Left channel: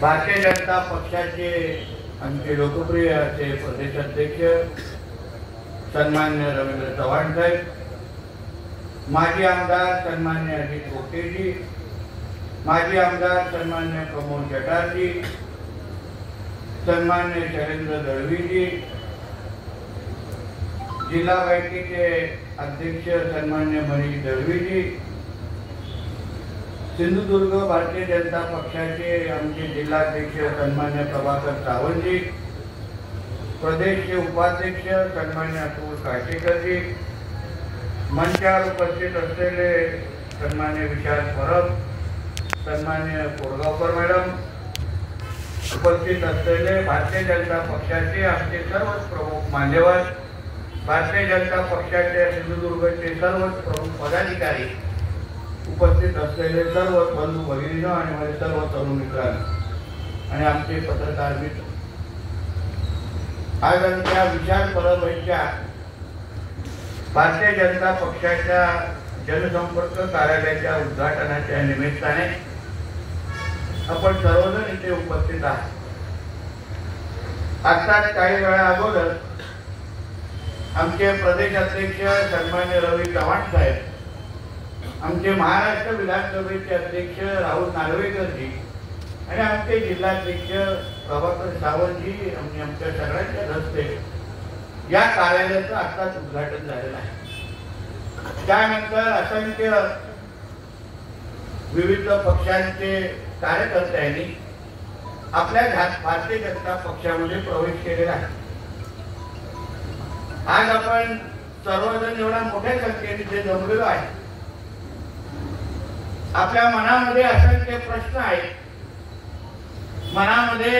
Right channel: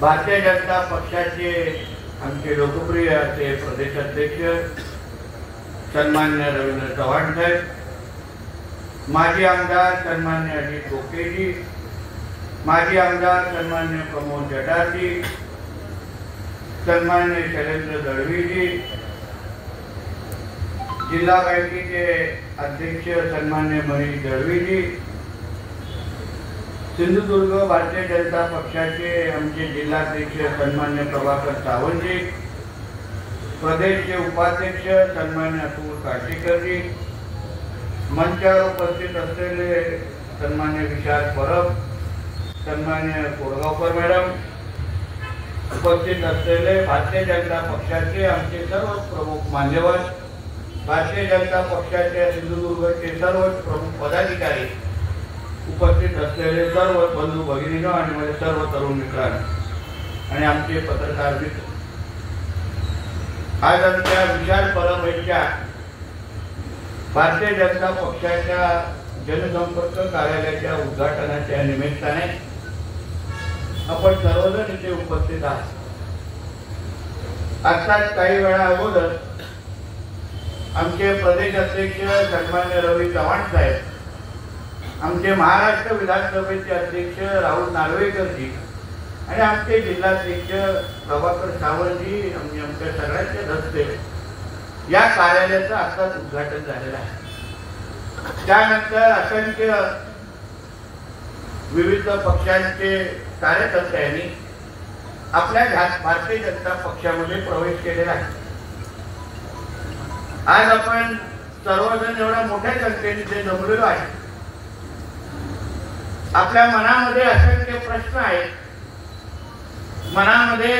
भारतीय जनता पक्षाचे आमचे लोकप्रिय असे प्रदेशाध्यक्ष सन्मान्य रवींद्र चव्हाण साहेब, माजी आमदार सन्मान्य अजित गोखलेजी, माजी आमदार सन्मान्य प्रमोद जटाजी, सन्मान्य शैलेंद्र दळवीजी, जिल्हा बँकेचे अध्यक्ष सन्मान्य मनीष दळवीजी, सिंधुदुर्ग भारतीय जनता पक्षाचे आमचे जिल्हाध्यक्ष सन्मान्य प्रभाकर सावंतजी, प्रदेशचे उपाध्यक्ष सन्मान्य अतुल काटेकरजी, मंचावर उपस्थित असलेले सन्मान्य विशाल परब, सन्मान्य कोरगावकर मॅडम, उपस्थित असलेले भारतीय जनता पक्षाचे आमचे सर्व प्रमुख मान्यवर, भारतीय जनता पक्षाच्या सिंधुदुर्गचे सर्व प्रमुख पदाधिकारी, उपस्थित असलेले सर्व बंधू भगिनींनो आणि माझे सर्व तरुण मित्रांनो आणि आमचे पत्रकार मित्र, आज आमच्या विशाल परब यांच्या भारतीय जनता पक्षाच्या जनसंपर्क कार्यालयाच्या उद्घाटनाच्या निमित्ताने आपण सर्वजण इथे उपस्थित आहात. आताच काही वेळा अगोदर आमचे प्रदेशाध्यक्ष सन्मान्य रवी चव्हाण साहेब, आमचे महाराष्ट्र विधानसभेचे अध्यक्ष राहुल नार्वेकरजी आणि आमचे जिल्हाध्यक्ष प्रभाकर सावंतजी आणि आमच्या सगळ्यांच्या हस्ते या कार्यालयाचं आत्ताच उद्घाटन झालेलं आहे. त्यानंतर असंख्य विविध पक्षांचे कार्यकर्त्यांनी आपल्या भारतीय जनता पक्षामध्ये प्रवेश केलेला आहे. आज आपण सर्वजण एवढ्या मोठ्या संख्येने जे जमलेलो आहे, आपल्या मनामध्ये असंख्य प्रश्न आहेत. मनामध्ये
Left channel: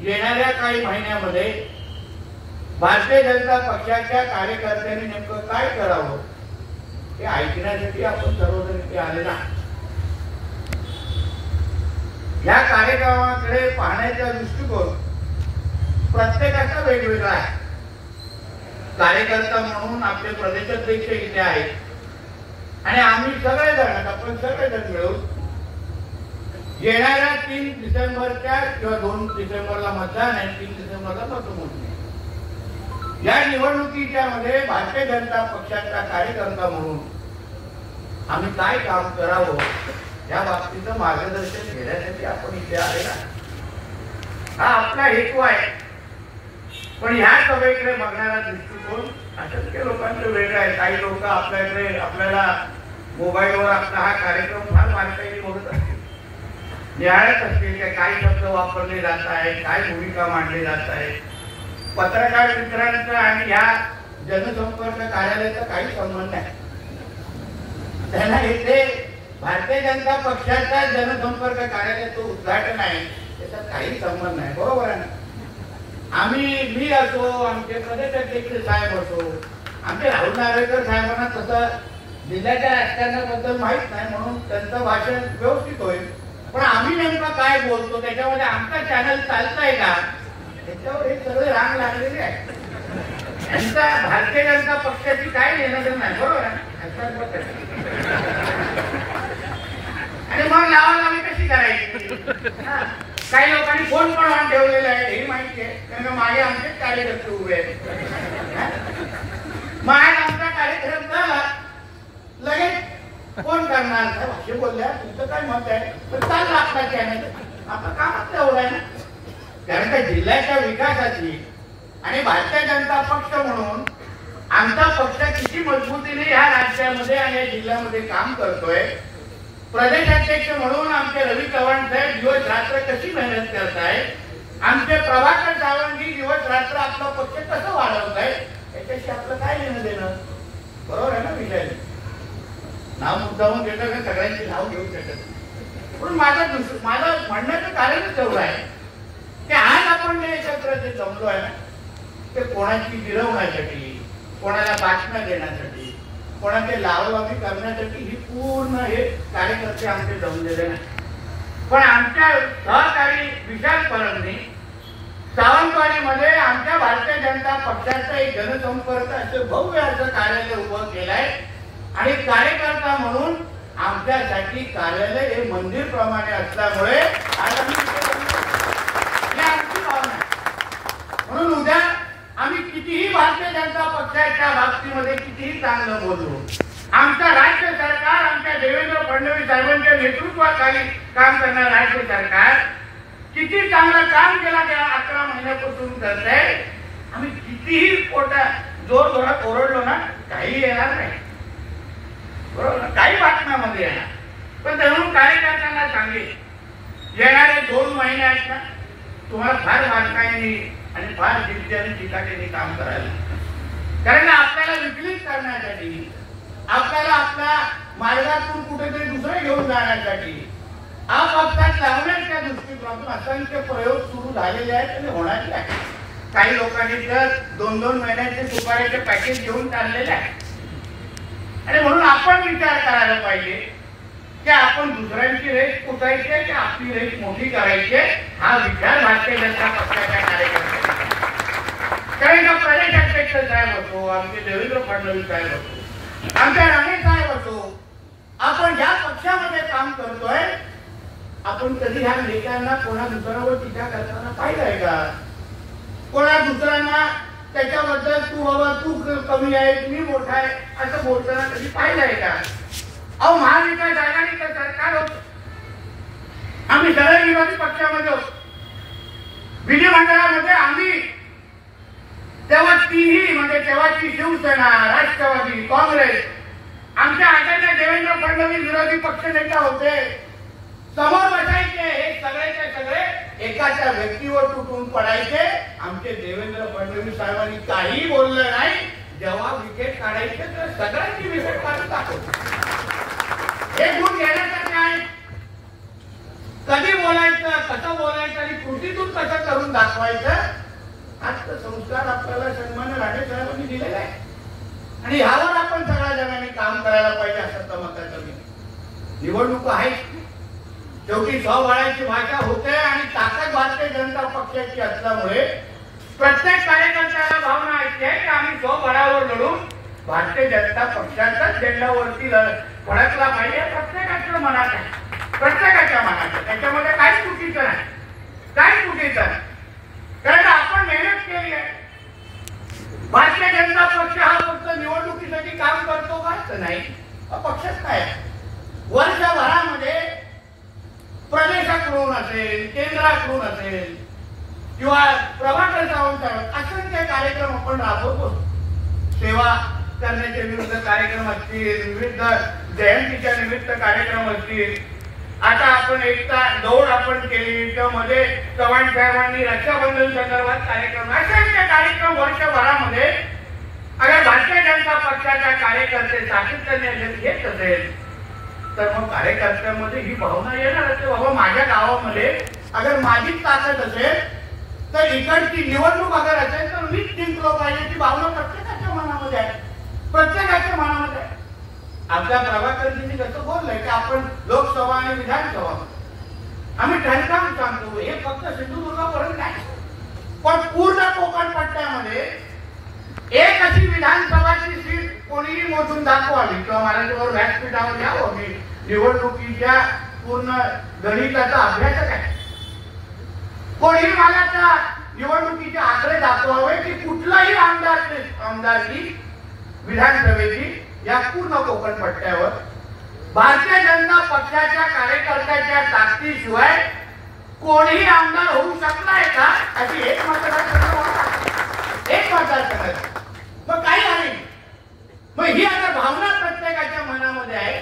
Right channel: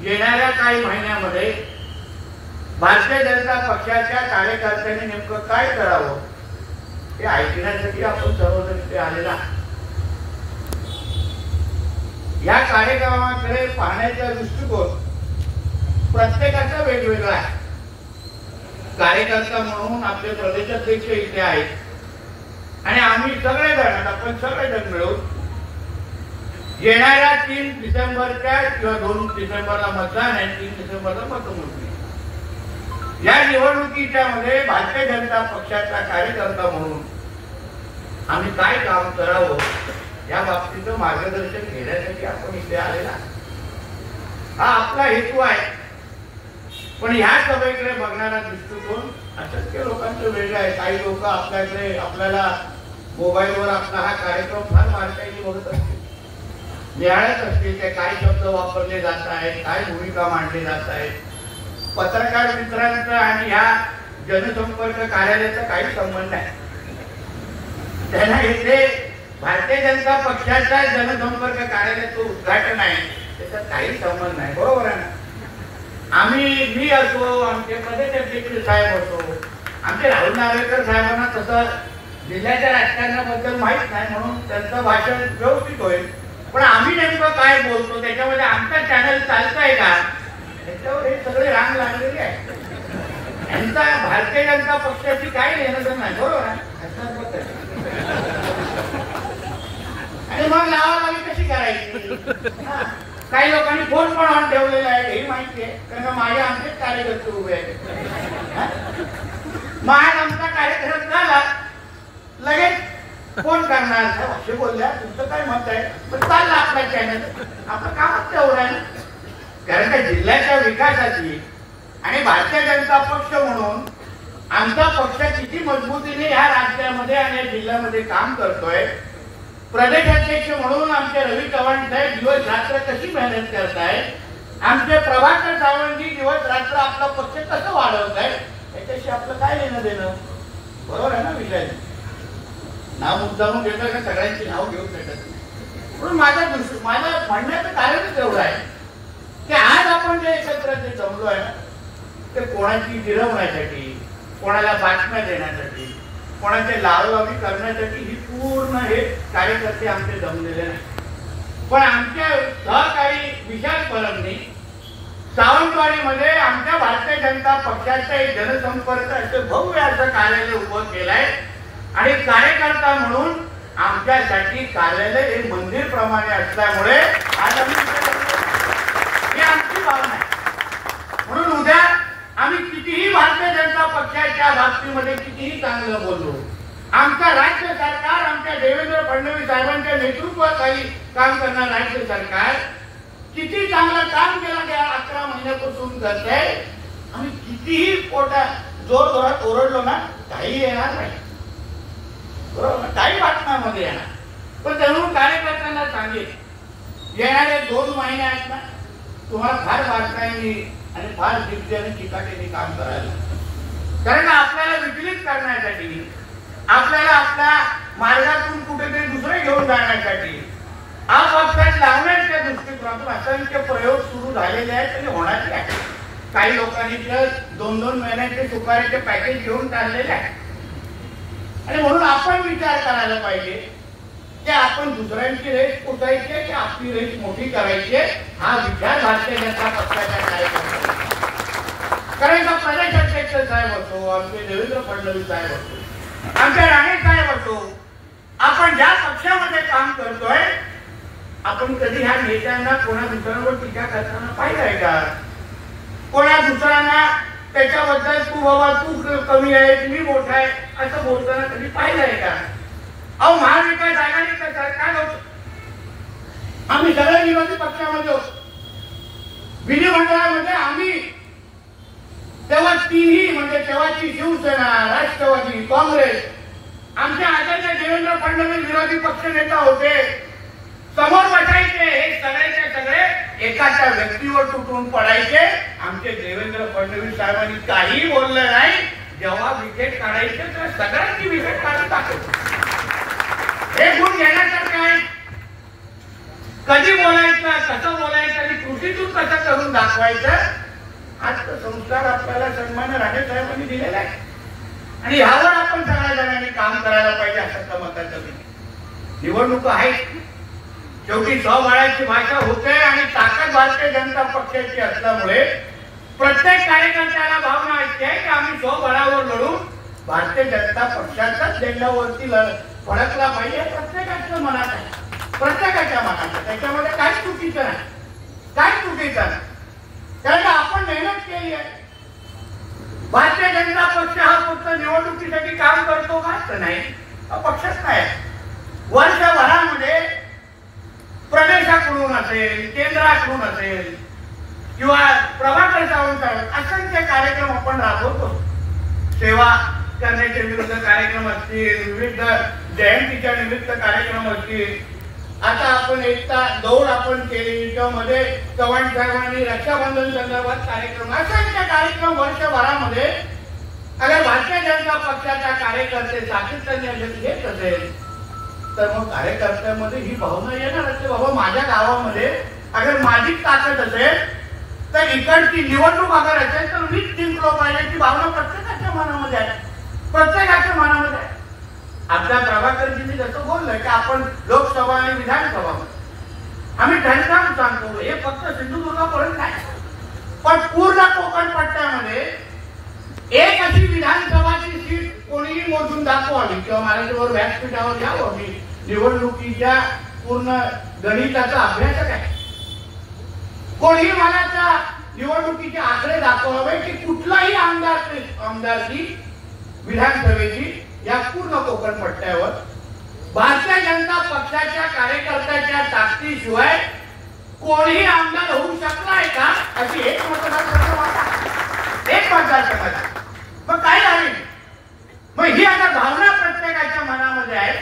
येणाऱ्या काही महिन्यामध्ये भारतीय जनता पक्षाच्या कार्यकर्त्यांनी नेमकं काय करावं हे ऐकण्यासाठी आपण सर्वजण इथे आलेलो आहोत. या कार्यक्रमाकडे पाहण्याचा दृष्टिकोन प्रत्येकाचा वेगवेगळा आहे. कार्यकर्ता म्हणून आपले प्रदेशाध्यक्ष इथे आहेत आणि आम्ही सगळेजण, आपण सगळेजण मिळून येणाऱ्या 3 डिसेंबरच्या किंवा 2 डिसेंबरला मतदान आहे, 3 डिसेंबरला मतमोजणी. या निवडणुकीच्या मध्ये भारतीय जनता पक्षाचा कार्यकर्ता म्हणून आम्ही काय काम करावं या बाबतीचं मार्गदर्शन घेण्यासाठी आपण इथे आलेला. हा आपला हेतू आहे. पण ह्या सभेकडे बघणारा दृष्टिकोन असंख्य लोकांचं वेगळं आहे. काही लोक आपल्याकडे आपल्याला मोबाईलवर आपला हा कार्यक्रम फार बारकाईने बघत असतील, निहाळत असतील की काय शब्द वापरले जात आहेत, काय भूमिका मांडली जात आहे. पत्रकार मित्रांचा आणि ह्या जनसंपर्क कार्यालयाचा काही संबंध नाही. त्यांना इथे भारतीय जनता पक्षाच्या जनसंपर्क कार्यालयाचं उद्घाटन आहे, त्याचा काही संबंध नाही. बरोबर आहे. मी असो, आमचे प्रदेशाध्यक्ष साहेब असो, आमचे राहुल नार्वेकर साहेबांना तसं जिल्ह्याच्या राजकारणाबद्दल माहित नाही, म्हणून त्यांचं भाषण व्यवस्थित होईल. पण आम्ही नेमकं काय बोलतो त्याच्यामध्ये आमचा चॅनल चालतंय का, त्याच्यावर हे सगळे रांग लागलेले आहे. यांचा भारतीय जनता पक्षाची काय घेणं नाही. बरोबर आहे. आणि मग लावालावी कशी करायची. काही लोकांनी फोन पण ऑन ठेवलेला आहे, हे माहिती आहे, कारण माझे आमचेच कार्यकर्ते उभे आहेत. मग आमचा कार्यक्रम झाला लगेच फोन करणार, असे बोलल्या तुमचं काय मत आहे, पण चालला आपला चॅनल, आपलं कामच तेवढं आहे. कारण का जिल्ह्याच्या विकासाची आणि भारतीय जनता पक्ष म्हणून आमचा पक्ष किती मजबूतीने ह्या राज्यामध्ये आणि या जिल्ह्यामध्ये काम करतोय. प्रदेशाध्यक्ष म्हणून आमचे रवी चव्हाण साहेब दिवस रात्र कशी मेहनत करताय, आमचे प्रभाकर सावंतजी दिवस रात्र आपला पक्ष कसं वाढवत आहे, याच्याशी आपलं काय लेणं देणं. बरोबर आहे ना. विषय नाव मुद्दामून देतो का सगळ्यांची नाव घेऊ शकत. म्हणून माझं म्हणण्याचं कारणच एवढं आहे की आज आपण जे एकत्र जे जमलो आहे ना, ते कोणाची गिरवण्यासाठी, कोणाला बातम्या देण्यासाठी, कोणाचे लावलावी करण्यासाठी ही पूर्ण हे कार्यकर्ते आमचे जमलेले नाही. पण आमच्या सहकारी विशाल परबनी सावंतवाडीमध्ये आमच्या भारतीय जनता पक्षाचं एक जनसंपर्क असं भव्य असं कार्यालय उभं केलंय आणि कार्यकर्ता म्हणून आमच्यासाठी कार्यालय हे मंदिर प्रमाणे असल्यामुळे आज आम्ही ही आमची भावना आहे. म्हणून उद्या आम्ही कितीही भारतीय जनता पक्षाच्या बाबतीमध्ये कितीही चांगलं बोललो, आमचा राज्य सरकार, आमच्या देवेंद्र फडणवीस साहेबांच्या नेतृत्वाखाली काम करणारं राज्य सरकार किती चांगलं काम केलं त्या 11 महिन्यापासून करते. आम्ही कितीही पोटा जोर जोरात ओरडलो ना, काही येणार नाही, बरोबर ना, काही बातम्यामध्ये येणार. पण तेव्हा कार्यकर्त्यांना सांगेल, येणारे 2 महिने आहेत ना, तुम्हाला फार बारकाईने आणि फार जिद्दीने चिकाटीने काम करायला, कारण आपल्याला विचलित करण्यासाठी, आपल्याला आपल्या मार्गातून कुठेतरी दुसरे घेऊन जाण्यासाठी, अपक्षात लावण्याच्या दृष्टिकोनातून असंख्य प्रयोग सुरू झालेले आहेत आणि होणारे आहेत. काही लोकांनी तर 2-2 महिन्याचे सुपारीचे पॅकेज घेऊन काढलेले आहे. आणि म्हणून आपण विचार करायला पाहिजे की आपण दुसऱ्यांची रेस पुसायची की आपली रेस मोठी करायची, हा विचार भारतीय जनता पक्षाच्या कार्यकर्त्यांचा. कारण का प्रदेश अध्यक्ष साहेब असो, आमचे देवेंद्र फडणवीस साहेब असो, आमच्या राणे साहेब असो, आपण ज्या पक्षामध्ये काम करतोय, आपण कधी ह्या नेत्यांना कोणा दुसऱ्यावर टीका करताना पाहिलंय का? कोणा दुसऱ्यांना त्याच्याबद्दल तू बाबा तू कमी आहे, मी मोठा आहे असं बोलताना कधी पाहिलंय का? अहो, महाविकास आघाडीचं सरकार होतं, आम्ही सगळे विरोधी पक्षामध्ये होतो, विधिमंडळामध्ये आम्ही तेव्हा तिन्ही म्हणजे तेव्हाची शिवसेना, राष्ट्रवादी, काँग्रेस, आमच्या आचार्य देवेंद्र फडणवीस विरोधी पक्ष नेता होते, समोर बसायचे, हे सगळेचे सगळे एकाच्या व्यक्तीवर तुटून पडायचे. आमचे देवेंद्र फडणवीस साहेबांनी काही बोललं नाही. जेव्हा विकेट काढायचे तर सगळ्यांची विकेट काढून टाकायची. हे गुण घेण्यासारखं आहे. कधी बोलायचं, कसं बोलायचं आणि कृतीतून कसं करून दाखवायचं, आजचा संस्कार आपल्याला सन्मान्य राणे साहेबांनी दिलेला आहे. आणि ह्यावर आपण सगळ्या जणांनी काम करायला पाहिजे असं मताचं. निवडणूक आहेत, शेवटी स्वबळाची भाषा होते आणि ताकद भारतीय जनता पक्षाची असल्यामुळे प्रत्येक कार्यकर्त्याला भावना असते की आम्ही स्वबळावर लढून भारतीय जनता पक्षाचाच झेंडावरती फडकला पाहिजे. प्रत्येकाच्या मनात आहे, प्रत्येकाच्या मनात आहे. त्याच्यामध्ये काहीच चुकीचं नाही, काहीच चुकीचं नाही. कारण आपण मेहनत केली आहे. भारतीय जनता पक्ष हा फक्त निवडणुकीसाठी काम करतो का? नाही, पक्षच नाही. वर्षभरामध्ये प्रदेशाकडून असेल, केंद्राकडून असेल किंवा प्रभाकर सावंत असंख्य कार्यक्रम आपण राबवतो. सेवा करण्याचे विविध कार्यक्रम असतील, विविध जयंतीच्या निमित्त कार्यक्रम असतील. आता आपण एकता दौड आपण केली, त्यामध्ये चव्हाण साहेबांनी रक्षाबंधन संदर्भात कार्यक्रम, असंख्य कार्यक्रम वर्षभरामध्ये अगर भारतीय जनता पक्षाच्या कार्यकर्ते सातत्याने घेत असेल तर मग कार्यकर्त्यामध्ये ही भावना येणार असते, बाबा माझ्या गावामध्ये अगर माझी ताकद असेल तर इकडची निवडणूक अगर असेल तर मीच जिंकलो पाहिजे, ती भावना प्रत्येकाच्या मनामध्ये आहे, प्रत्येकाच्या मनामध्ये आहे. आपल्या प्रभाकरजींनी जसं बोललंय की आपण लोकसभा आणि विधानसभा आम्ही ठणकावून सांगतो, हे फक्त सिंधुदुर्गापर्यंत नाही, पण पूर्ण कोकण पट्ट्यामध्ये एक अशी विधानसभाची सीट कोणीही मोजून दाखवावी किंवा माझ्याबरोबर व्यासपीठावर यावं. मी निवडणुकीच्या पूर्ण गणिताचा अभ्यासक आहे. कोणीही मला निवडणुकीचे आकडे दाखवावे की कुठलाही आमदारकी विधानसभेची या पूर्ण कोकण पट्ट्यावर भारतीय जनता पक्षाच्या कार्यकर्त्याच्या ताकदीशिवाय कोणीही आमदार होऊ शकलाय का, अशी एक मतदारसंघात मग काय झाली. मग ही आता भावना प्रत्येकाच्या मनामध्ये आहे,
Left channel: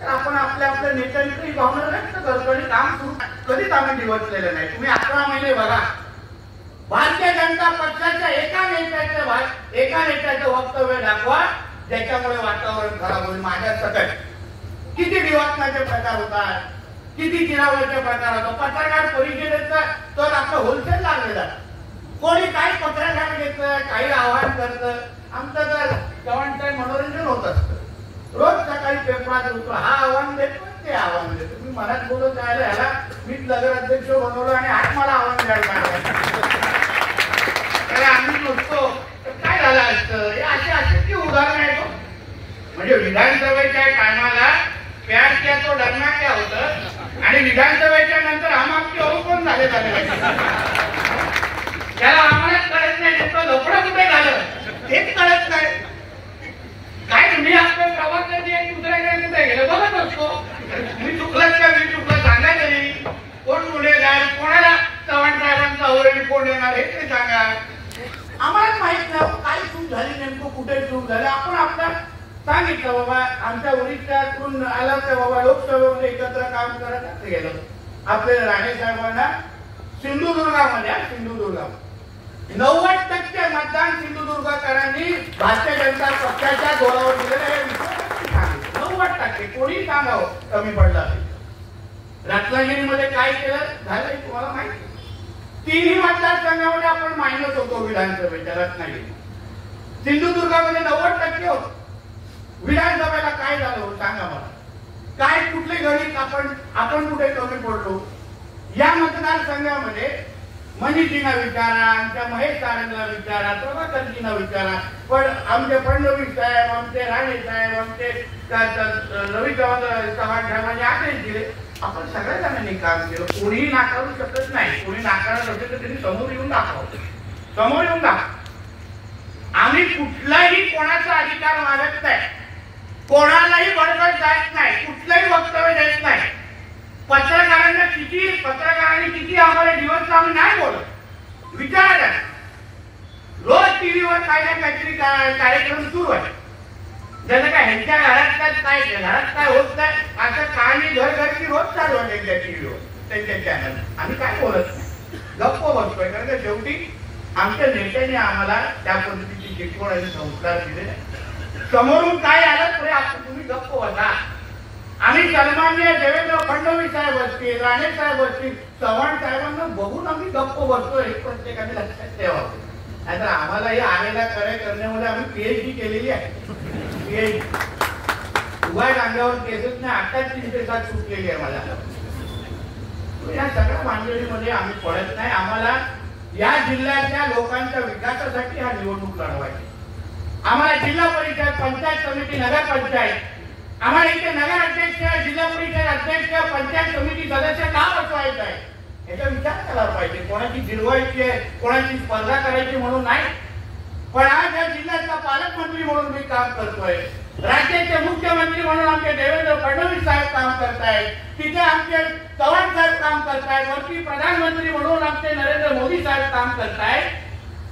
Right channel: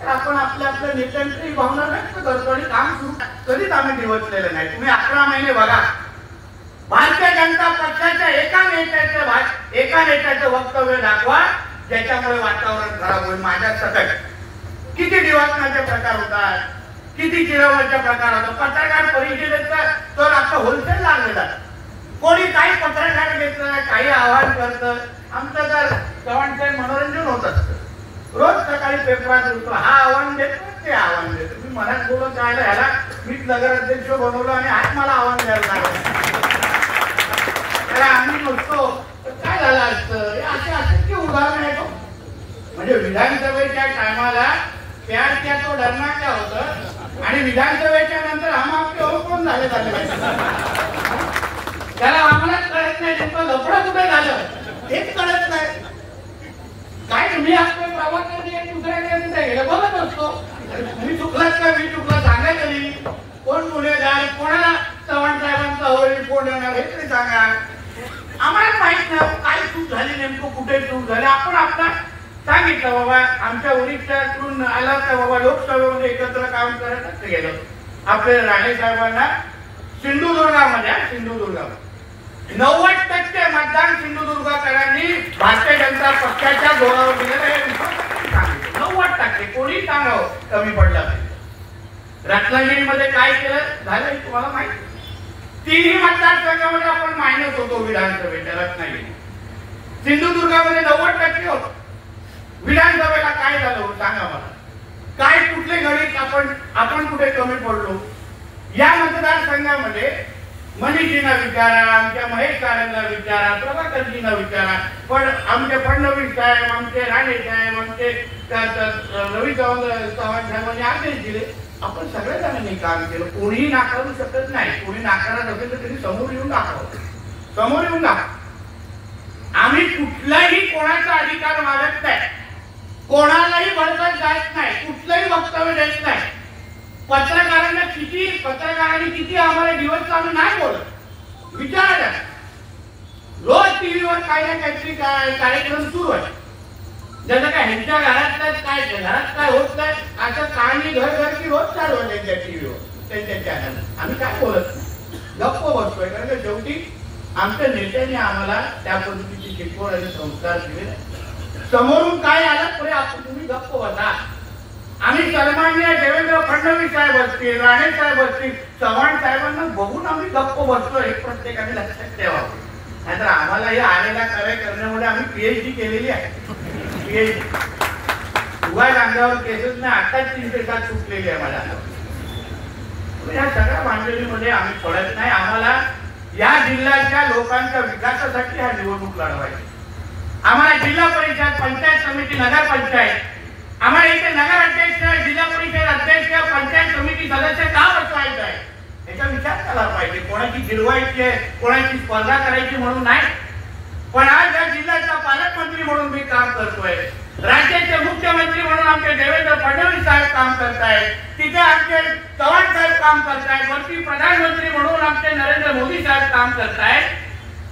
तर आपण आपल्या आपल्या नेत्यांची भावना व्यक्त करतो आणि काम सुरू कधीच आम्ही दिवसलेलं नाही. तुम्ही 11 महिने बघा, भारतीय जनता पक्षाच्या एका नेत्याचं वक्तव्य दाखवा ज्याच्यामुळे वातावरण खराब होईल. माझ्या सकट किती दिवसनाचे प्रकार होतात, किती चिरवण्याचे प्रकार होतात. पत्रकार परिषदेचा तर आपलं होलसेल लागलेला, कोणी काही पत्रकार घेतलं, काही आव्हान करतं. आमचं तर चव्हाणचं मनोरंजन होत असतं. रोज सकाळी पेपरात उठतो, हा आव्हान देतो, ते आव्हान देतो. मी मनात बोलत राहिलं, ह्याला मीच नगराध्यक्ष बनवलं आणि आज मला आव्हान द्यायला लागलं. त्याला आम्ही नुसतो काय झालं असतं, हे असे की उदाहरण आहे. म्हणजे विधानसभेच्या टायमाला प्यार किया तो डरना क्या होतं आणि विधानसभेच्या नंतर हम आपके हो कोण झाले त्याला आम्हाला कळत नाही तुमचं लफडं कुठे झालं हेच कळत नाही. काय तुम्ही आपलं प्रवास दुसऱ्याकडे कुठे गेलं बघत असतो. मी चुकलात का मी चुकला सांगा तरी. कोण गुन्हेगार कोणाला चव्हाण साहेबांचा ओरड कोण येणार हे तरी सांगा. आम्हाला माहित नाही काय चूक झाली नेमकं कुठे चूक झाली. आपण आपला सांगितलं बाबा आमच्या ओरिसाकडून आला तर बाबा लोकसभेमध्ये एकत्र काम करत गेलो. आपले राणे साहेबांना सिंधुदुर्गामध्ये 90% मतदान सिंधुदुर्गकरांनी भारतीय जनता पक्षाच्या जोरावर दिलेलं हे 90%. कोणी सांगावं कमी पडलं नाही. रत्नागिरीमध्ये काय केलं झालं तुम्हाला माहिती. 3 मतदारसंघामध्ये आपण मायनस होतो विधानसभेच्या. रत्नागिरी सिंधुदुर्गामध्ये 90% होतो. विधानसभेला काय झालं सांगा मला. काय कुठले गणित आपण कुठे कमी पडलो. या मतदारसंघामध्ये मनीषजींना विचारा आमच्या महेश कारंजला विचारा प्रभाकरजींना विचारा पण आमचे फडणवीस साहेब आमचे राणे साहेब आमचे रवी चव्हाण साहेबांनी आदेश दिले. आपण सगळ्या जणांनी काम केलं. कोणीही नाकारू शकत नाही. कोणी नाकारत असेल तर त्यांनी समोर येऊन दाखव. आम्ही कुठलाही कोणाचा अधिकार मागत नाही. कोणालाही बडबड जात नाही. कुठलंही वक्तव्य देत नाही. पत्रकारांनी किती आम्हाला दिवस आम्ही नाही बोलत. विचारा रोज टीव्हीवर काय ना काहीतरी कार्यक्रम सुरू आहे. ज्याचं काय ह्यांच्या घरात काय होत नाही असं कहाणी घर रोज चालू आहे त्यांच्या टीव्हीवर त्यांच्या चॅनल. आम्ही काय बोलत नाही गप्प बसतोय. कारण का शेवटी आमच्या नेत्यांनी आम्हाला त्या पद्धतीची शिकवण आणि संस्कार दिले. समोरून काय आलं तरी आपण तुम्ही गप्प बसा. आम्ही सन्माननीय देवेंद्र फडणवीस साहेब असतील राणे साहेब असतील चव्हाण साहेबांना बघून आम्ही गप्प बसतो. हे प्रत्येकाने लक्षात ठेवावं. नाहीतर आम्हाला हे आलेला कार्य करण्यामुळे आम्ही PhD केलेली आहे. उभा अंगावर केसच नाही. आताच 3 पेशात सुटलेली आहे मला. या सगळ्या भांडणीमध्ये आम्ही पडत नाही. आम्हाला या जिल्ह्याच्या लोकांच्या विकासासाठी हा निवडणूक लढवायची. आम्हाला जिल्हा परिषद पंचायत समिती नगरपंचायत आम्हाला इथे नगर अध्यक्ष जिल्हा परिषद अध्यक्ष पंचायत समिती सदस्य का बसवायचं आहे याचा विचार केला पाहिजे. कोणाची गिरवायची आहे कोणाची स्पर्धा करायची म्हणून नाही. पण आज या जिल्ह्याचा पालकमंत्री म्हणून मी काम करतोय. राज्याचे मुख्यमंत्री म्हणून आमचे देवेंद्र फडणवीस साहेब काम करतायत. तिथे आमचे चव्हाण साहेब काम करतायत. वरती प्रधानमंत्री म्हणून आमचे नरेंद्र मोदी साहेब काम करतायत.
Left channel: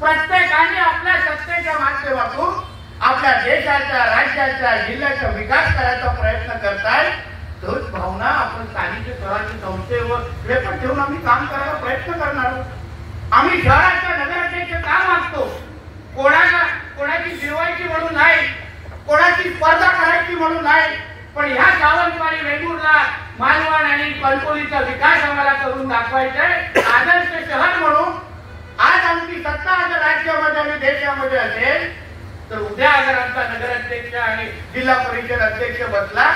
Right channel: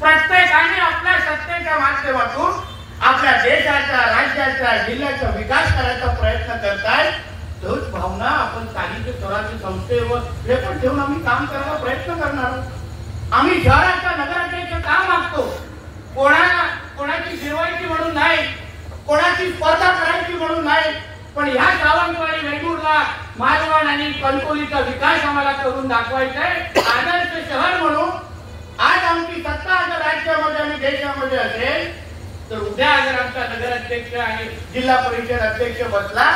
प्रत्येकाने आपल्या सत्तेच्या माध्यमातून आपल्या देशाचा राज्याचा जिल्ह्याचा विकास करायचा प्रयत्न करतायत. तोच भावना आपण स्थानिक स्वराज्य संस्थेवर पण ठेवून आम्ही काम करायला प्रयत्न करणार आहोत. आम्ही शहराचा नगराध्यक्ष का मागतो. कोणाची गिरवायची म्हणून नाही कोणाची स्पर्धा करायची म्हणून नाही. पण ह्या सावंतवाडी वेंगुर्ला मालवण आणि कणकवलीचा विकास आम्हाला करून दाखवायचा आहे. आदर्श शहर म्हणून आज आमची सत्ता जर राज्यामध्ये आणि देशामध्ये असेल तर उद्या अगर आमचा नगराध्यक्ष आणि जिल्हा परिषद अध्यक्ष बसला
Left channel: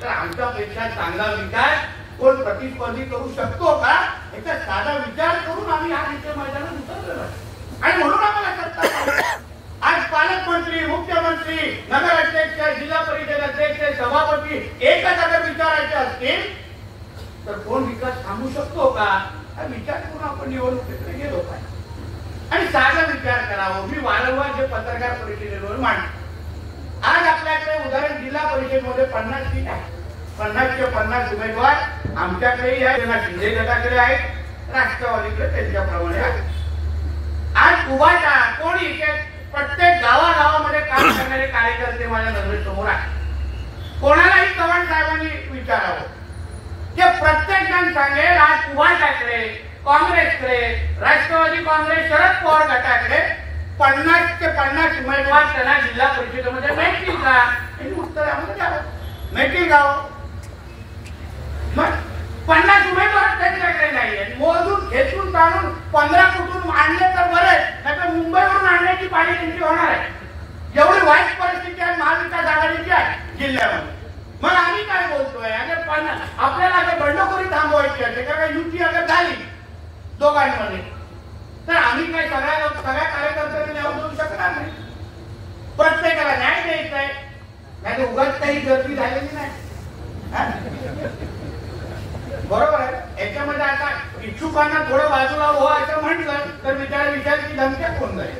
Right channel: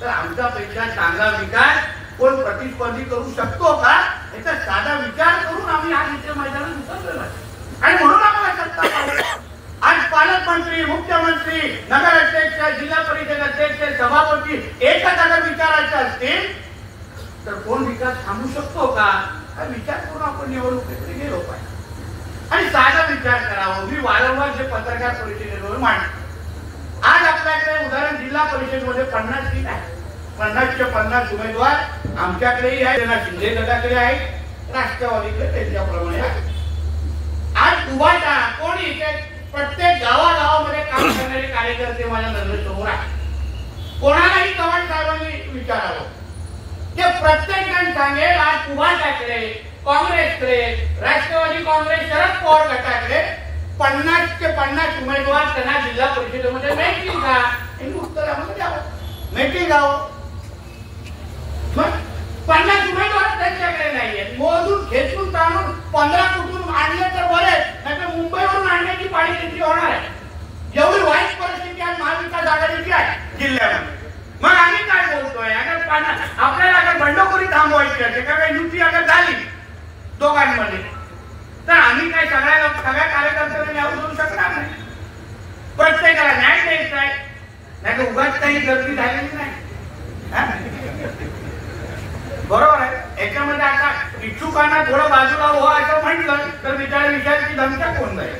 तर आमच्यापेक्षा चांगला विकास कोण प्रतिस्पर्धी करू शकतो का याचा साधा विचार करून आम्ही आज इथे मैदानात उतरलो. आणि म्हणून आम्हाला सत्ता पाहिजे. आज पालकमंत्री मुख्यमंत्री नगराध्यक्ष जिल्हा परिषद अध्यक्ष सभापती एकच अगर विचारायचे असतील तर कोण विकास थांबू शकतो का हा विचार करून आपण निवडणुकीकडे गेलो पाहिजे. आणि साधा विचार करावा. मी वारंवार जे पत्रकार परिषदेवर मांडतो. आज आपल्याकडे उदाहरण जिल्हा परिषदेमध्ये 50 सीट आहे. 50चे 50 उमेदवार आमच्याकडेही आहे. शिंदे गटाकडे आहेत राष्ट्रवादीकडे त्यांच्याप्रमाणे आहे. आज उभाटा कोणी प्रत्येक गावागावामध्ये काम करणारे कार्यकर्ते माझ्या नजरेसमोर आहे. कोणालाही चव्हाण साहेबांनी विचारावं की प्रत्येक जण सांगेल आज उभाटाकडे काँग्रेसकडे राष्ट्रवादी काँग्रेस शरद पवार गटाकडे 50चे 50 उमेदवार त्यांना जिल्हा परिषदेमध्ये मिळतील का हे उत्तर आम्हाला द्यावं. मिळतील का 50 उमेदवार त्यांच्याकडे नाहीये. मोजून खेचून ताणून 15 कुठून आणले तर बरे नाही मुंबईवरून आणण्याची पाळी त्यांची होणार आहे. एवढी वाईट परिस्थिती आज महाविकास आघाडीची आहे जिल्ह्यामध्ये. मग आम्ही काय बोलतोय आपल्याला अगर बंडखोरी थांबवायची असेल कारण युती अगर झाली दोघांमध्ये तर आम्ही काय सगळ्या कार्यकर्त्यांना न्याय देऊ शकणार नाही. प्रत्येकाला न्याय द्यायचा आहे नाही तर उगाच काही गर्दी झालेली नाही. बरोबर आहे. याच्यामध्ये आता इच्छुकांना थोडं बाजूला हो असं म्हटलं तर विचार विचारची धमक्या कोण जाईल.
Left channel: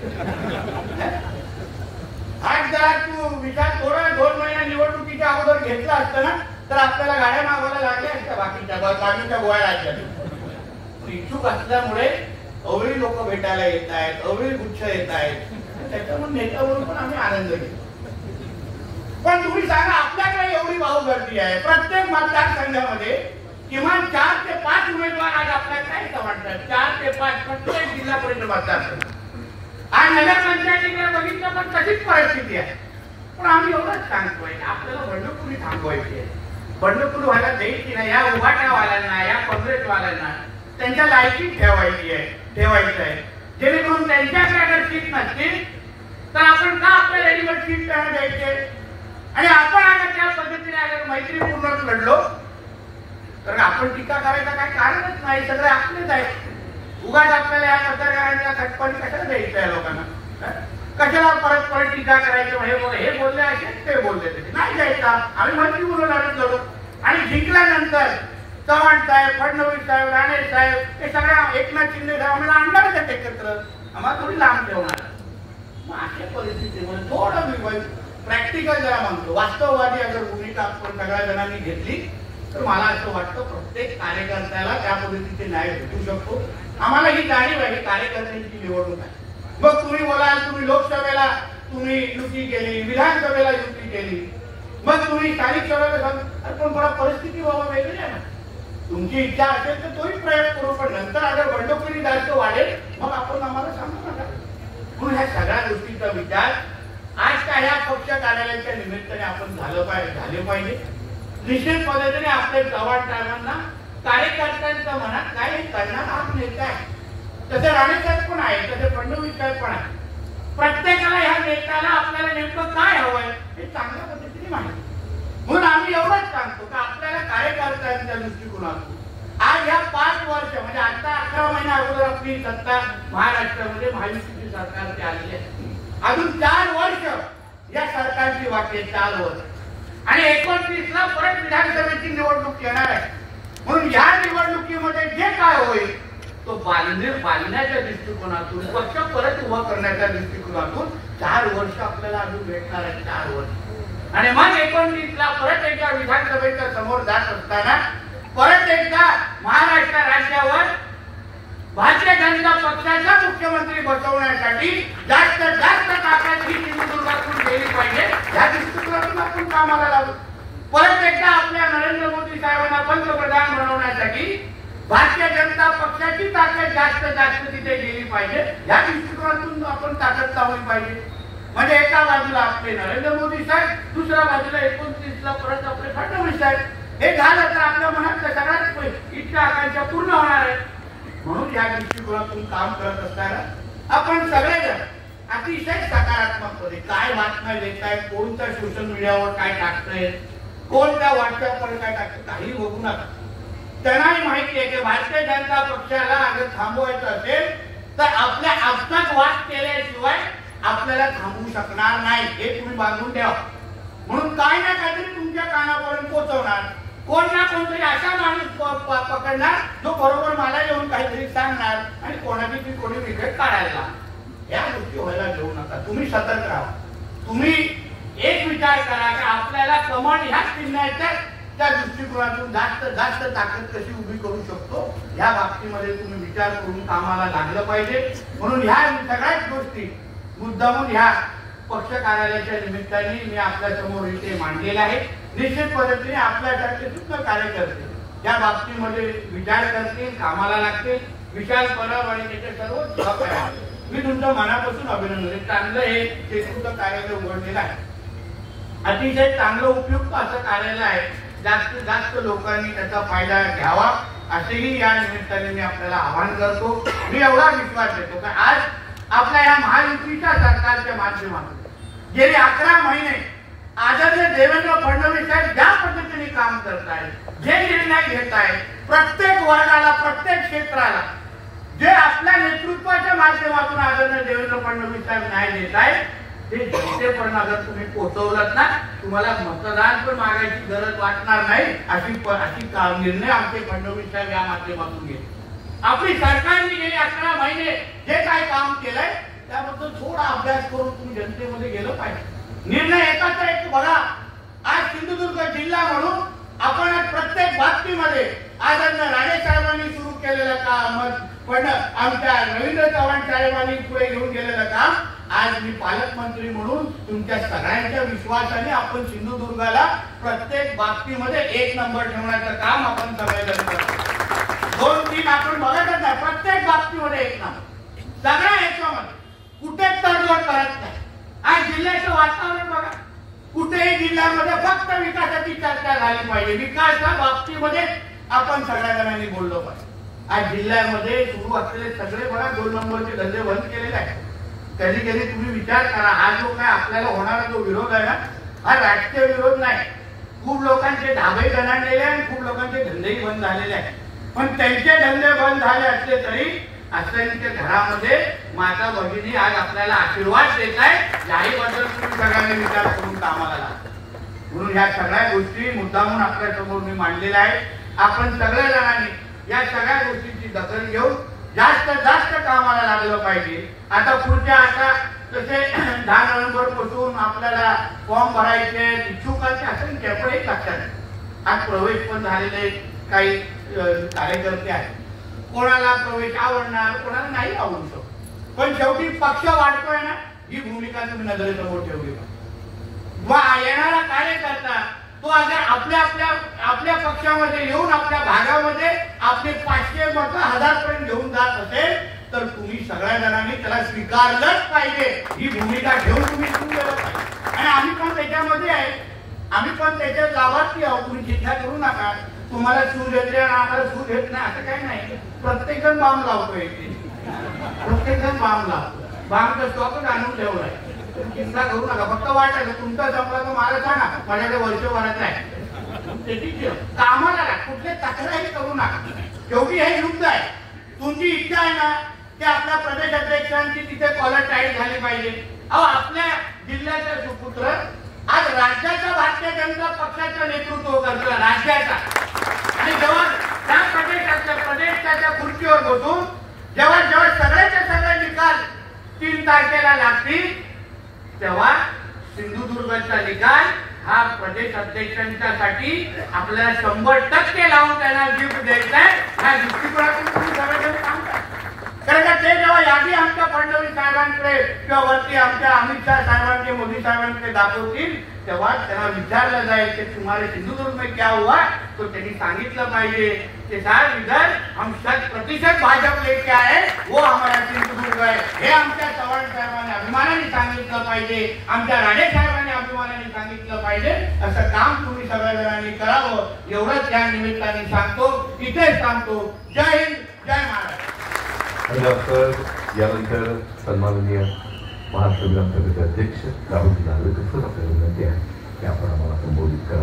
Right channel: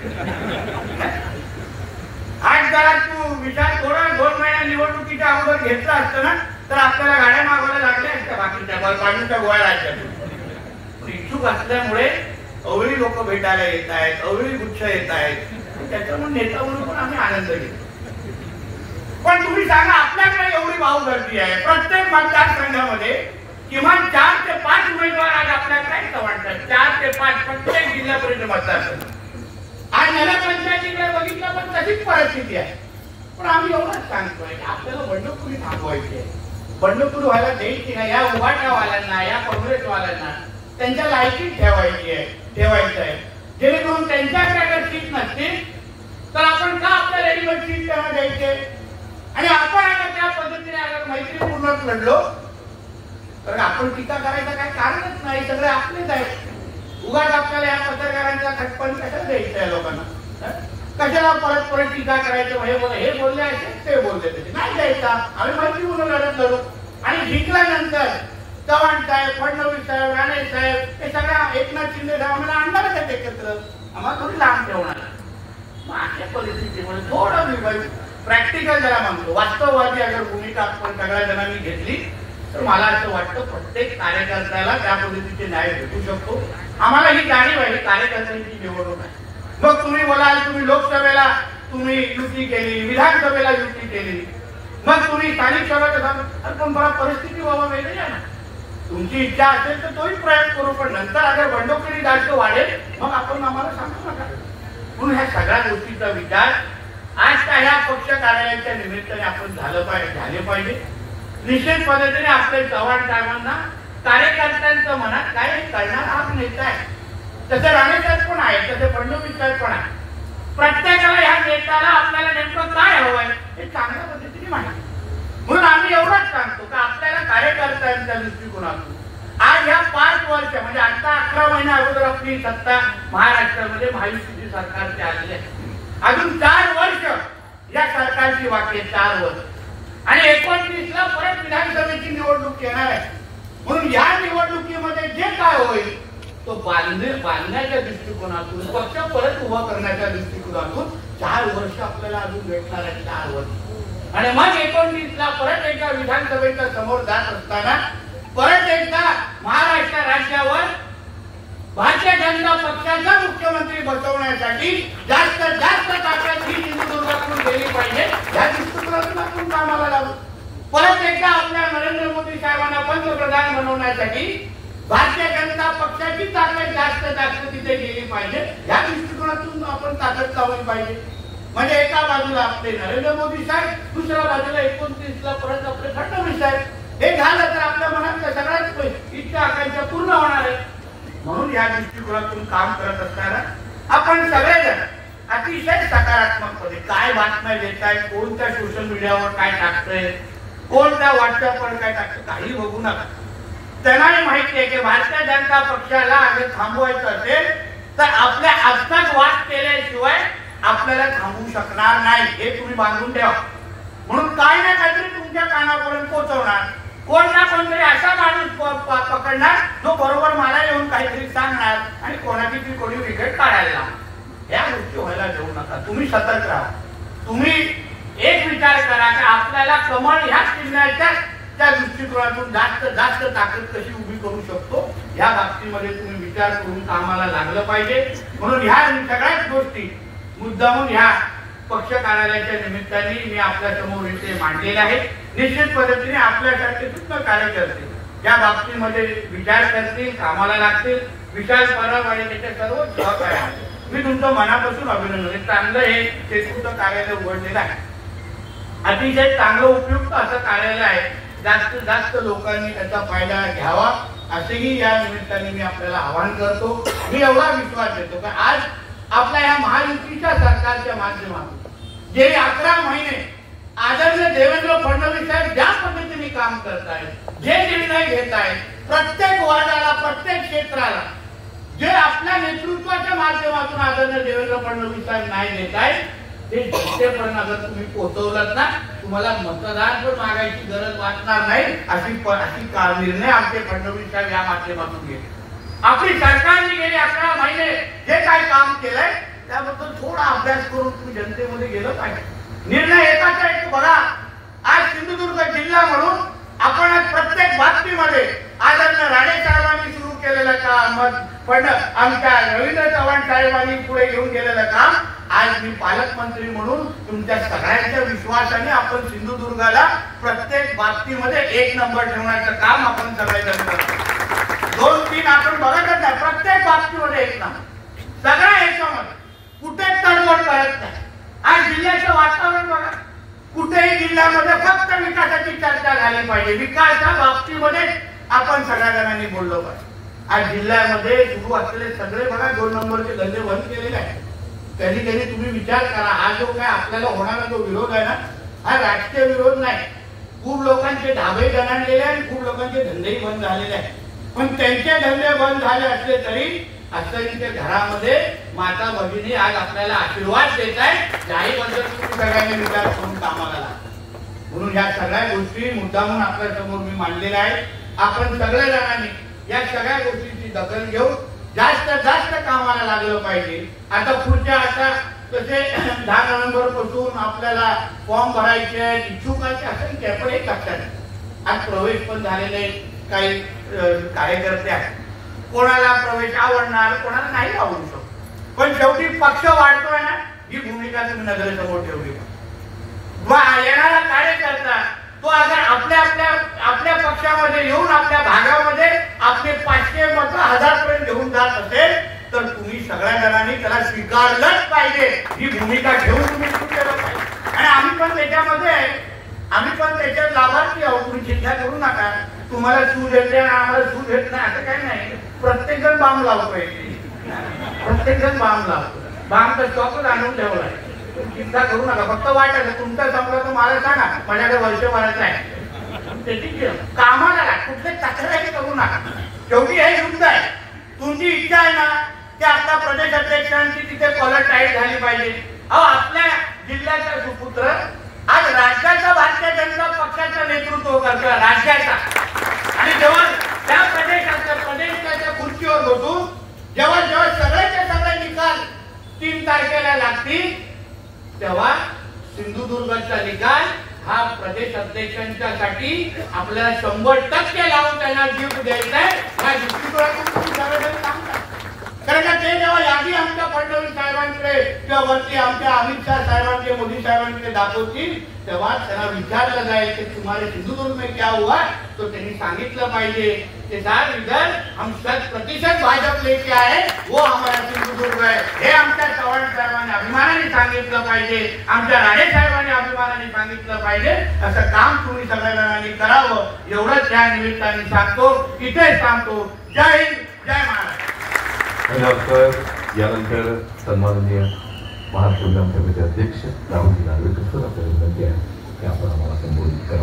आज जरा तू विचार थोडा 2 महिन्या निवडणुकीच्या अगोदर घेतला असतं ना तर आपल्याला गाड्या मागवायला लागल्या असत्या बाकीच्या काढूनच्या गोळ्या लागतात. इच्छुक असल्यामुळे अवळी लोक भेटायला येत आहेत, अवळी गुच्छ येत आहेत, त्याच्यामुळे नेता म्हणून पण आम्ही आनंद घेतो. पण तुम्ही सांगा आपल्याकडे एवढी भाऊगर्दी आहे, प्रत्येक मतदारसंघामध्ये किमान 4 ते 5 उमेदवार आज आपल्याला काय वाटतात. 4 ते 5 प्रत्येक जिल्हा परिषद मतदारसंघ. आज नगरपंचायतीकडे बघितलं पण तशीच परिस्थिती आहे. पण आम्ही एवढंच सांगतोय की आपल्याला बंडखोरी थांबवायची आहे. बंडखोरी व्हायला द्यायची नाही. या उभाट्यावाल्यांना, या काँग्रेसवाल्यांना त्यांच्या लायकीत ठेवायचं आहे. जेणेकरून त्यांच्याकडे अगर सीट नसतील तर आपण का आपल्या रेडीमेड सीट त्यांना द्यायचे. आणि आपण अगर त्या पद्धतीने अगर मैत्रीपूर्ण लढलो तर आपण टीका करायचं काही कारणच नाही. सगळे आपलेच आहेत. उगाच आपल्याला या पत्रकारांच्या खटपण कशाला द्यायचं आहे लोकांना. कशाला परत टीका करायचं. हे बोलले असे ते बोलले तसे नाही द्यायचा. आम्ही मैत्रीपूर्ण लढू आणि जिंकल्यानंतर चव्हाण साहेब, फडणवीस साहेब, राणे साहेब हे सगळ्या एकनाथ शिंदे साहेब आम्हाला आणणारच आहेत एकत्र. आम्हाला थोडी लांब ठेवणार. मग अशा परिस्थितीमध्ये थोडं प्रॅक्टिकल जरा म्हणतो, वास्तववादी अगर भूमिका आपण सगळ्या जणांनी घेतली तर मला असं वाटतं प्रत्येक कार्यकर्त्याला त्या पद्धतीचे न्याय भेटू शकतो. आम्हाला ही जाणीव आहे कार्यकर्त्यांची निवडणूक आहे. मग तुम्ही बोलाल तुम्ही लोकसभेला तुम्ही युती केली, विधानसभेला युती केली, मग तुम्ही स्थानिक सभेला पण बरा परिस्थिती बाबा वेगळी आहे ना. तुमची इच्छा असेल तर तोही प्रयोग करू. पण नंतर अगर बंडखोरी जास्त वाढेल मग आपण आम्हाला सांगू नका. म्हणून ह्या सगळ्या गोष्टीचा विचार आज का ह्या पक्ष कार्यालयाच्या निमित्ताने आपण झाले पाहिजे. निश्चित पद्धतीने आपल्या चव्हाण साहेबांना कार्यकर्त्यांच्या मनात काय करणार हा नेता आहे. तसं राणे साहेब पण आहे, तसं फडणवीस साहेब पण आहे. प्रत्येकाला ह्या नेत्याला आपल्याला नेमकं काय हवंय हे चांगल्या पद्धतीने माहिती. म्हणून आम्ही एवढंच सांगतो की आपल्याला कार्यकर्त्यांच्या दृष्टिकोनातून आज ह्या 5 वर्ष म्हणजे आता 11 महिन्या अगोदर आपली सत्ता महाराष्ट्रामध्ये महायुतीची सरकारची आलेली आहे. अजून 4 वर्ष या सरकारची बाकी आहे. 4 वर्ष आणि 29ला परत विधानसभेची निवडणूक येणार आहे. म्हणून या निवडणुकीमध्ये जे काय होईल तो बांधण्याच्या दृष्टिकोनातून, पक्ष परत उभा करण्याच्या दृष्टिकोनातून 4 वर्ष आपल्याला अजून भेटणार आहे. 4 वर्ष आणि मग 29ला परत एकदा विधानसभेच्या समोर जात असताना परत एकदा महाराष्ट्र राज्यावर भारतीय जनता पक्षाचा मुख्यमंत्री बसवण्यासाठी जास्त ताकद ही सिंधुदुर्गातून गेली पाहिजे. या दृष्टिकोनातून आपण कामाला लागू. परत एकदा आपल्या नरेंद्र मोदी साहेबांना पंतप्रधान बनवण्यासाठी भारतीय जनता पक्षाची ताकद जास्त तिथे गेली पाहिजे. या दृष्टिकोनातून आपण ताकद लावली पाहिजे. म्हणजे एका बाजूला आपले नरेंद्र मोदी साहेब, दुसऱ्या बाजूला 29ला परत आपले फडणवीस साहेब. हे झालं तर आपल्या मनातल्या सगळ्याच इच्छा आकांक्षा पूर्ण होणार आहे. म्हणून या दृष्टिकोनातून काम करत असताना आपण सगळेजण अतिशय सकारात्मकपणे काय बातम्या देत आहेत, कोणत्या सोशल मीडियावर काय टाकतंय, कोणत्या व्हॉट्सअपवर काय टाकतं काही बघू नका. त्यांनाही माहिती आहे की भारतीय जनता पक्षाला अगर थांबवायचं असेल तर आपल्या आत्ताच वाद केल्याशिवाय आपल्याला थांबवू शकणार नाही. हे तुम्ही बांधून ठेवा. म्हणून काय ना काहीतरी तुमच्या कानापर्यंत पोहोचवणार. कोण ना कोणतरी असा माणूस पकडणार जो बरोबर मला येऊन काहीतरी सांगणार आणि कोणाची ती कोणी विकेट काढायला. या गोष्टी व्हायला देऊ नका. तुम्ही सतर्क राहा. तुम्ही एक विचार करा की आपल्याला कमळ ह्या चिन्हाच्या त्या दृष्टिकोनातून जास्त ताकद कशी उभी करू शकतो या बाबतीमध्ये तुम्ही विचार करून कामाला लागलं पाहिजे. म्हणून ह्या सगळ्याच गोष्टी मुद्दामून ह्या पक्ष कार्यालयाच्या निमित्ताने मी आपल्या समोर इथे मांडलेले आहे. निश्चित पद्धतीने आपल्यासारखे सुद्धा कार्यकर्ते या बाबतीमध्ये विचार करतील, कामाला लागतील. विशाल परब आणि त्याच्या सर्व सहकार्य मी तुमचं मनापासून अभिनंदन. चांगलं हे शेतूचं कार्यालय उघडलेलं आहे. अतिशय चांगलं उपयुक्त असं कार्यालय आहे. जास्तीत जास्त लोकांनी त्याचा फायदा घ्यावा असेही या निमित्ताने मी आपल्याला आवाहन करतो. मी एवढा विश्वास देतो की आज आपल्या या महायुतीच्या सरकारच्या माध्यमातून गेली 11 महिने आदरणीय देवेंद्र फडणवीस साहेब ज्या पद्धतीने काम करतायत, जे निर्णय घेत आहेत, प्रत्येक वार्डाला, प्रत्येक क्षेत्राला जे आपल्या नेतृत्वाच्या माध्यमातून आदरणीय देवेंद्र फडणवीस साहेब न्याय देत आहेत ते जनतेपर्यंत अगर तुम्ही पोहोचवलात ना, तुम्हाला मतदान पण मागायची गरज वाटणार नाही. अशी निर्णय आमचे फडणवीस साहेब या माध्यमातून घेतले. आपली सरकारने गेले 11 महिने जे काय काम केलंय त्याबद्दल थोडा अभ्यास करून तुम्ही जनतेमध्ये गेलं पाहिजे. निर्णय एकाचा एक बघा. आज सिंधुदुर्ग जिल्हा म्हणून आपण आज प्रत्येक बातमीमध्ये आदरणीय राणे साहेबांनी सुरू केलेलं काम, पण आमच्या रवींद्र चव्हाण साहेबांनी पुढे घेऊन गेलेलं काम, आज मी पालकमंत्री म्हणून तुमच्या सगळ्यांच्या विश्वासाने आपण सिंधुदुर्गाला प्रत्येक बाबतीमध्ये 1 नंबर ठेवण्याचं काम आपण सगळेजण करतो. 2-3 आपण बघतच नाही, प्रत्येक बाबतीमध्ये 1 नंबर. सगळ्या ह्याच्यामध्ये कुठेच तडजोड करत नाही. आज जिल्ह्याचं वातावरण बघा, कुठेही जिल्ह्यामध्ये फक्त विकासाची चर्चा झाली पाहिजे. विकासाच्या बाबतीमध्ये आपण सगळ्या जणांनी बोललो पाहिजे. आज जिल्ह्यामध्ये सुरू असलेले सगळे बघा 2 नंबरचे धंदे बंद केलेले आहेत. कधी कधी तुम्ही विचार करा, हा जो काय आपल्याला होणारा जो विरोध आहे ना, हा राजकीय विरोध नाही. खूप लोकांचे ढाबे गणाणलेले आणि खूप लोकांचे धंदेही बंद झालेले आहेत. पण त्यांचे धंदे बंद झाले असले तरी असंख्य घरामध्ये माता भगिनी आज आपल्याला आशीर्वाद देत आहे. याहीबद्दल तुम्ही सगळ्यांनी विचार करून कामाला लागला. म्हणून या सगळ्या गोष्टी मुद्दामून आपल्या समोर मी मांडलेल्या आहेत. आपण सगळ्या जणांनी या सगळ्या गोष्टींची दखल घेऊन जास्त कामाला लागलं पाहिजे. आता जसे 10 नोव्हेंबर पासून आपल्याला फॉर्म भरायचे इच्छुकांचे असंख्य, पण एक लक्षात आज प्रवेश पण झालेले काही कार्यकर्ते आहेत. कोणाला प्रवेश आवडणार, कोणाला नाही आवडू शकतो, पण शेवटी पक्ष वाढतोय ना, ही भूमिका तुम्ही नजरेसमोर ठेवली का? येणारा कार्यकर्ता तो अगर आपल्या पक्षामध्ये येऊन आपल्या भागामध्ये आपले 500 मत 1000 पर्यंत घेऊन जात असेल तर तुम्ही सगळ्या जणांनी त्याला स्वीकारलंच पाहिजे. ही भूमिका घेऊन तुम्ही केलं पाहिजे. आणि आम्ही पण त्याच्यात लाभार्थी आहोत. तुम्ही चिंता करू नका. तुम्हाला सूज येते आणि आम्हाला सूज येत नाही असं काही नाही. प्रत्येक जण बांब लावतोय, प्रत्येक जण बांब लावतो. बांबचा स्टॉकच आणून ठेवलाय. चिंता करू नका. फक्त वाटायचं तुमचा संपला तर मला सांगा, माझ्याकडे वर्षभराचं आहे. कामाला कुठले तक्रारी करू नका. शेवटी हे युद्ध आहे. तुमची इच्छा आहे ना की आपल्या प्रदेश अध्यक्षांची तिथे कॉलर टाईट झाली पाहिजे. अहो, आपल्या जिल्ह्याचा सुपुत्र आज राज्याचा भारतीय जनता पक्षाचं नेतृत्व करतोय, राज्याचा. आणि जेव्हा त्या प्रदेशाच्या खुर्चीवर बसून जेव्हा सगळ्याचे सगळे निकाल 3 तारखेला लागतील तेव्हा सिंधुदुर्गचा निकाल हा प्रदेश अध्यक्षांच्यासाठी आपल्याला 100% लावून त्यांना गिफ्ट द्यायचा आहे. हा दृष्टिकोनातून तुम्ही सगळेजण काम करा. कारण का ते जेव्हा यादी आमच्या फडणवीस साहेबांकडे किंवा वरती आमच्या अमित शाह साहेबांकडे, मोदी साहेबांकडे दाखवतील तेव्हा त्यांना विचारलं जाईल की तुम्हारे सिंधुदुर्ग में क्या हुआ, तो त्यांनी सांगितलं पाहिजे की सर इधर हम 100% भाजप लेके आए, वो हमारा सिंधुदुर्ग है. हे आमच्या चव्हाण साहेबांनी अभिमानाने सांगितलं पाहिजे, आमच्या राणे साहेबांनी अभिमानाने सांगितलं पाहिजे. असं काम तुम्ही सगळ्या जणांनी करावं एवढंच या निमित्ताने सांगतो. इथेच सांगतो. जय हिंद, जय महाराष्ट्र. यानंतर सन्माननीय महाराष्ट्र विधानसभेचे अध्यक्ष राहुल नार्वेकर सर आपल्याला विनंती आहे की आपण आम्हाला संबोधित करा.